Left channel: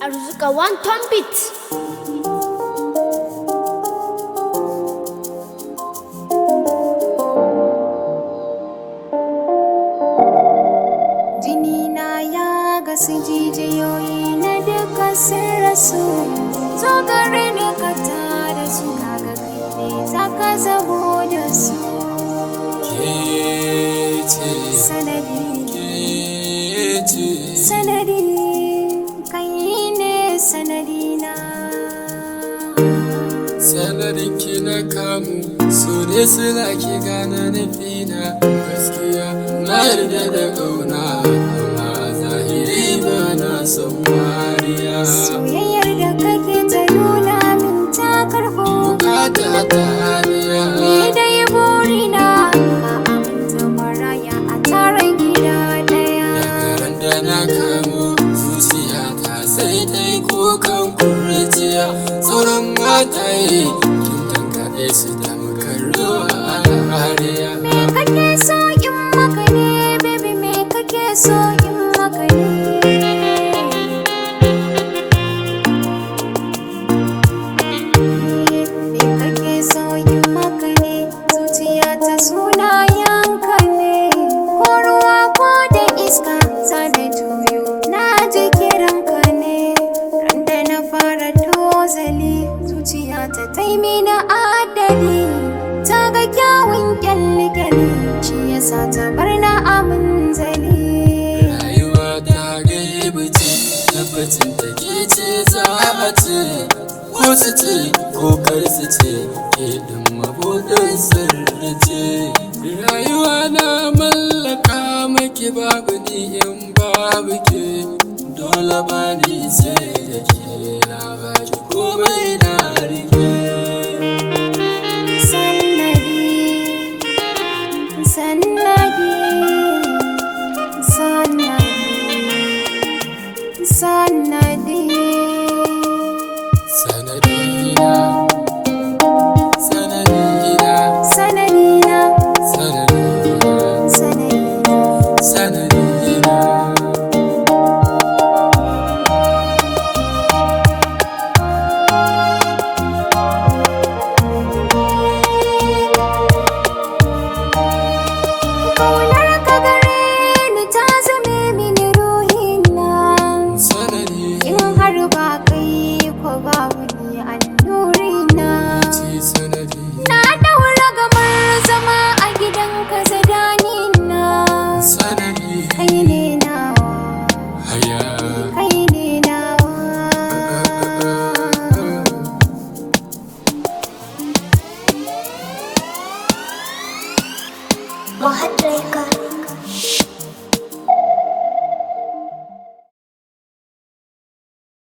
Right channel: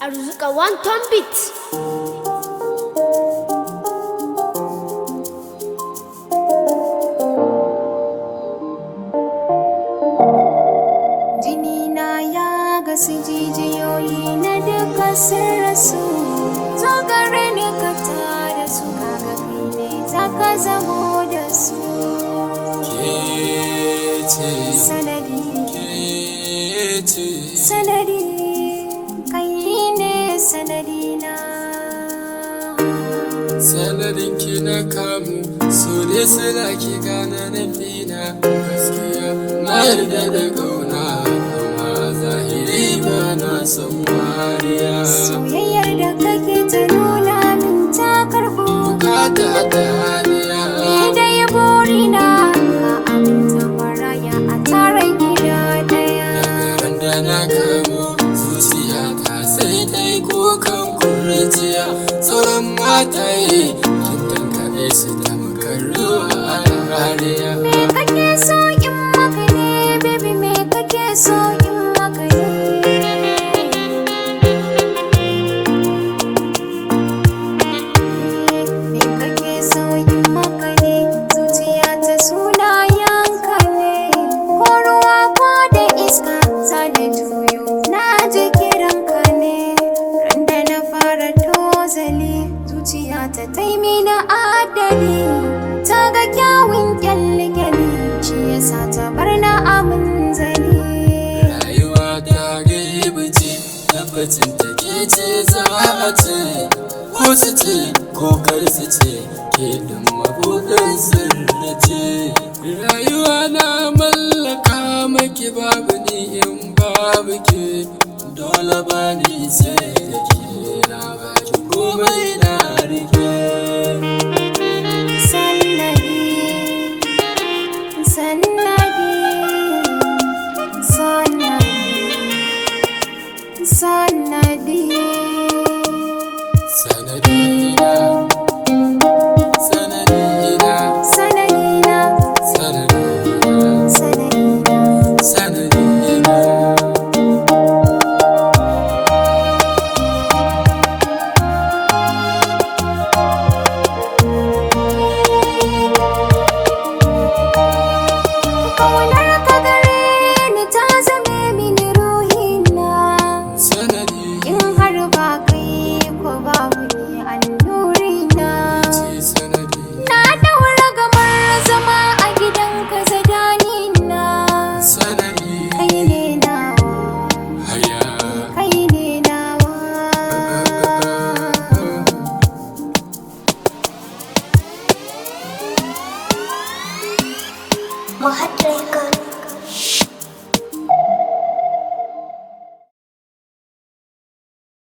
Arzuka one ton beat. Jini na ya gasu jijiyoyi na duka sun rasu. Zo gare ni ka tada su kaga kai ne zaka zamo da su. Kece Sanadi, Kece sanadi, kai ne sanadi na. Sanadin ki na kamu so ne sila ki gane nufina gaskiya na yarda da kauna amma zahiri ba na son wariya Soyayyar da kake ta nuna min ta karɓo. bukata ta haniya Ni dai burina ka aminta maraya a tara gida ɗaya. ran da na kamu zuciya ta sai ta yi kukan kurciya sauran mataye kin tankaɗe su da makarruwa a hariya Me kake so in maka ne, baby, me kake so in maka ne? Me kake so in maka ne, zuciya ta sunayenka ne. Ko ruwa ko da iska za na juyo, na ji kiranka ne. Randa na fara tozali, zuciya ta taimina adali. Ta ga kyawun kyalli-kyalli, shi yasa ta bar na aminzali. rayuwa ta gaibu ce tabbacin ta ke ce za a ce ko su ce ko kar su ce ke ɗin mabuɗin sirri ce rayuwa na mallaka maki babu ni in babu ke dole ba ni sai da ke na baki komai na rike Sannadi, sannadi, sannadi, sannadi. sanadina sanadina Sanadina, sanadina sanadina. sanadina Kaunar ka gare ni ta zame mini ruhina. sanadi In har ba kai ko babu ni annurina. ce sanadi Na daura gamar zama a gidanka zadanina. sanadi Kai ne nawa, haya kai ne nawa. Mahad Record.